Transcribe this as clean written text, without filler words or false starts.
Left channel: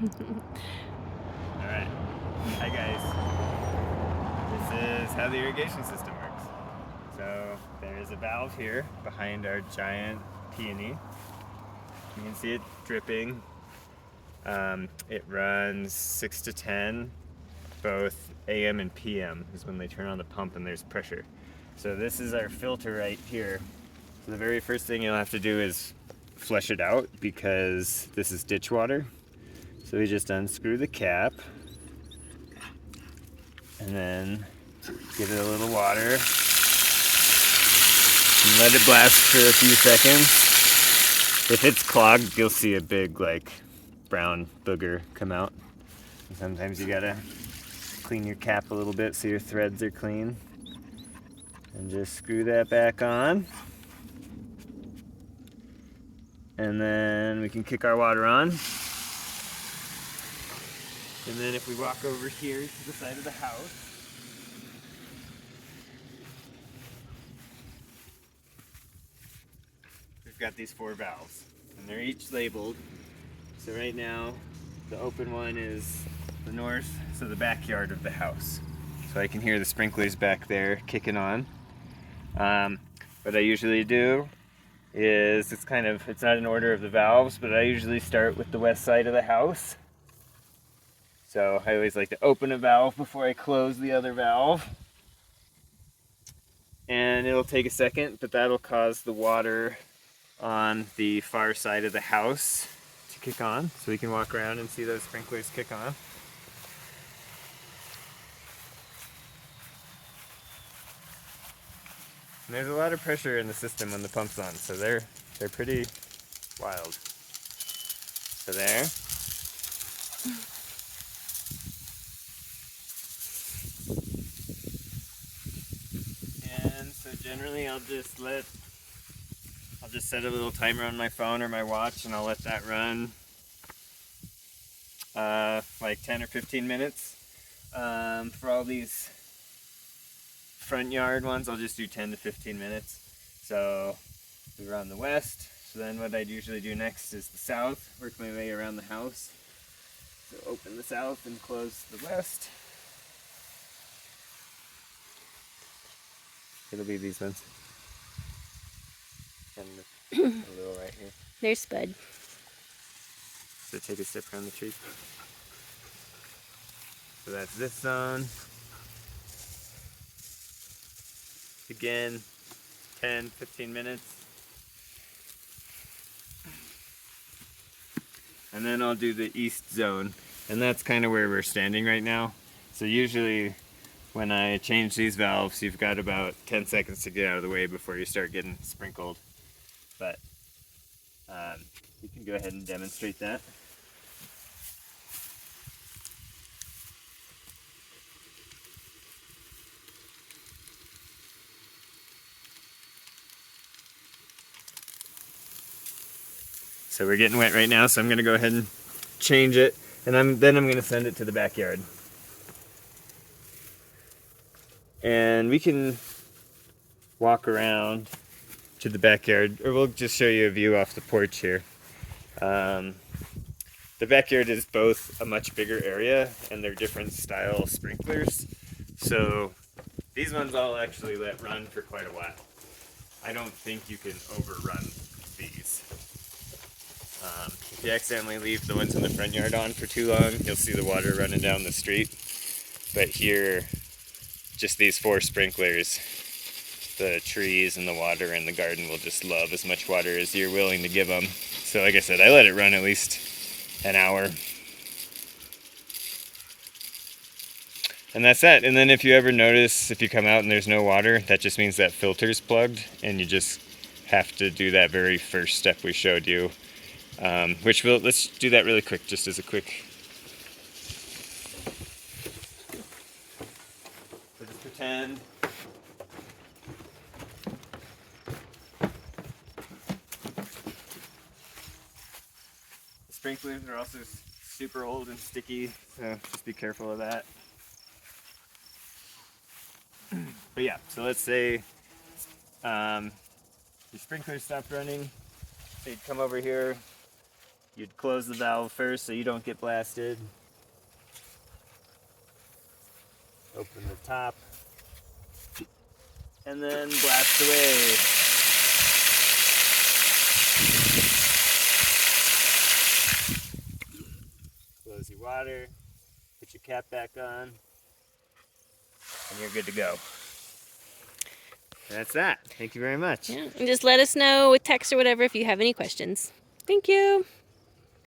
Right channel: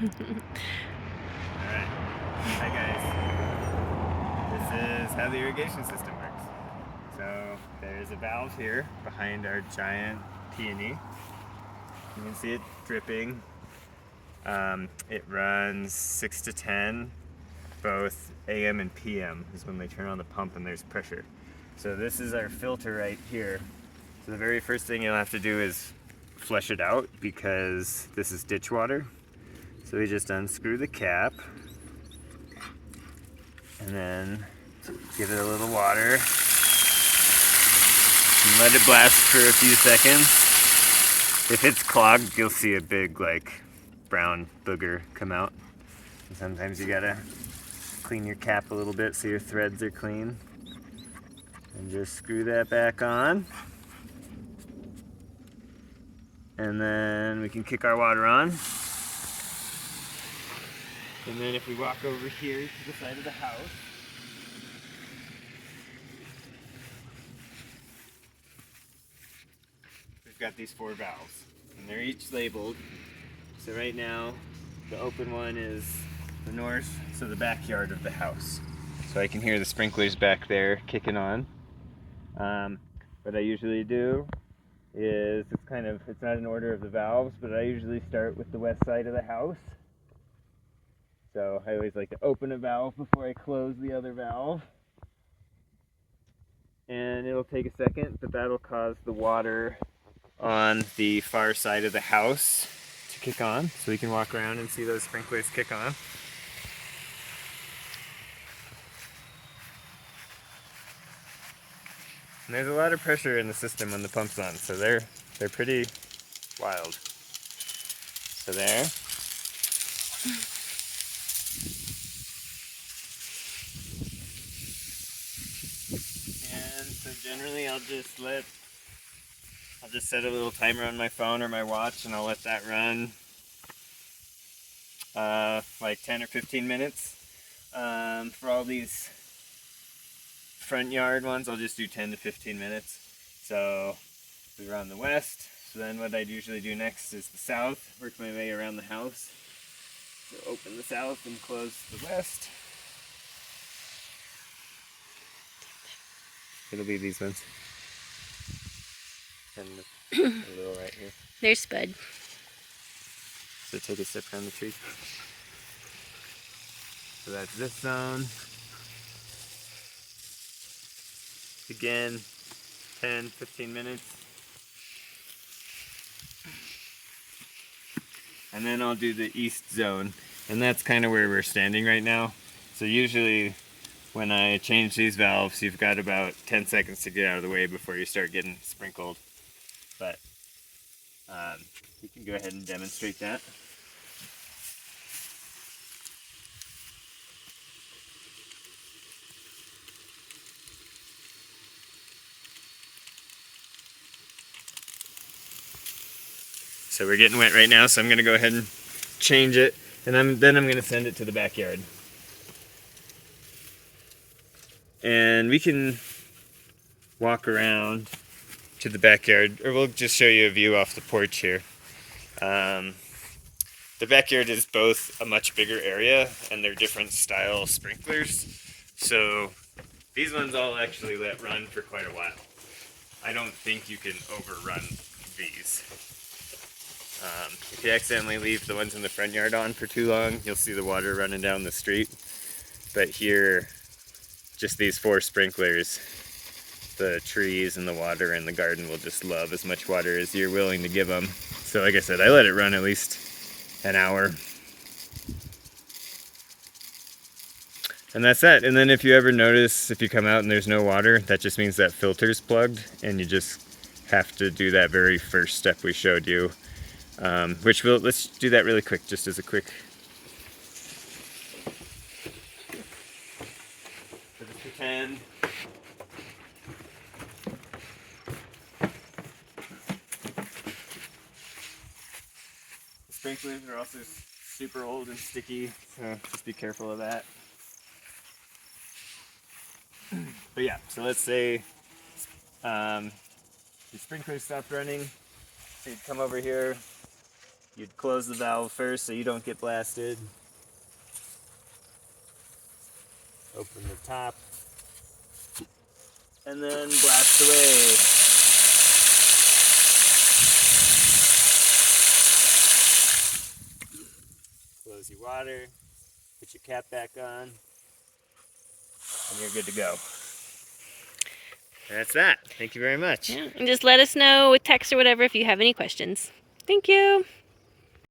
Alright. Hi guys. This is how the irrigation system works. So there is a valve here behind our giant peony. You can see it dripping. It runs 6 to 10, both AM and PM is when they turn on the pump and there's pressure. So this is our filter right here. So the very first thing you'll have to do is flush it out because this is ditch water. So we just unscrew the cap and then give it a little water and let it blast for a few seconds. If it's clogged, you'll see a big like brown booger come out. And sometimes you gotta clean your cap a little bit so your threads are clean. And just screw that back on. And then we can kick our water on. And then if we walk over here to the side of the house, we've got these 4 valves. And they're each labeled. So right now, the open one is the north, so the backyard of the house. So I can hear the sprinklers back there kicking on. What I usually do is, it's not an order of the valves, but I usually start with the west side of the house. So I always like to open a valve before I close the other valve. And it'll take a second, but that'll cause the water on the far side of the house to kick on. So we can walk around and see those sprinklers kick on. And there's a lot of pressure in the system when the pump's on, so they're pretty wild. So there. And so generally I'll just set a little timer on my phone or my watch and I'll let that run like 10 or 15 minutes. For all these front yard ones, I'll just do 10 to 15 minutes. So we were on the west, so then what I'd usually do next is the south, work my way around the house. So open the south and close the west. It'll be these ones. And a little right here. There's Spud. So take a step around the tree. So that's this zone. Again, 10, 15 minutes. And then I'll do the east zone. And that's kind of where we're standing right now. So usually when I change these valves, you've got about 10 seconds to get out of the way before you start getting sprinkled. But we can go ahead and demonstrate that. So we're getting wet right now, so I'm gonna go ahead and change it, and then I'm gonna send it to the backyard. And we can walk around to the backyard, or we'll just show you a view off the porch here. The backyard is both a much bigger area, and they're different style sprinklers. So these ones I'll actually let run for quite a while. I don't think you can overrun these. If you accidentally leave the ones in the front yard on for too long, you'll see the water running down the street. But here, just these 4 sprinklers, the trees and the water in the garden will just love as much water as you're willing to give them. So like I said, I let it run at least an hour. And that's that. And then if you ever notice, if you come out and there's no water, that just means that filter's plugged, and you just have to do that very first step we showed you. Let's do that really quick, just as a quick. So just pretend. The sprinklers are also super old and sticky, so just be careful of that. But yeah, so let's say the sprinklers stopped running. So you'd come over here, You'd close the valve first so you don't get blasted. Open the top. And then blast away. Close your water. Put your cap back on. And you're good to go. And that's that. Thank you very much. Yeah, and just let us know with text or whatever if you have any questions. Thank you.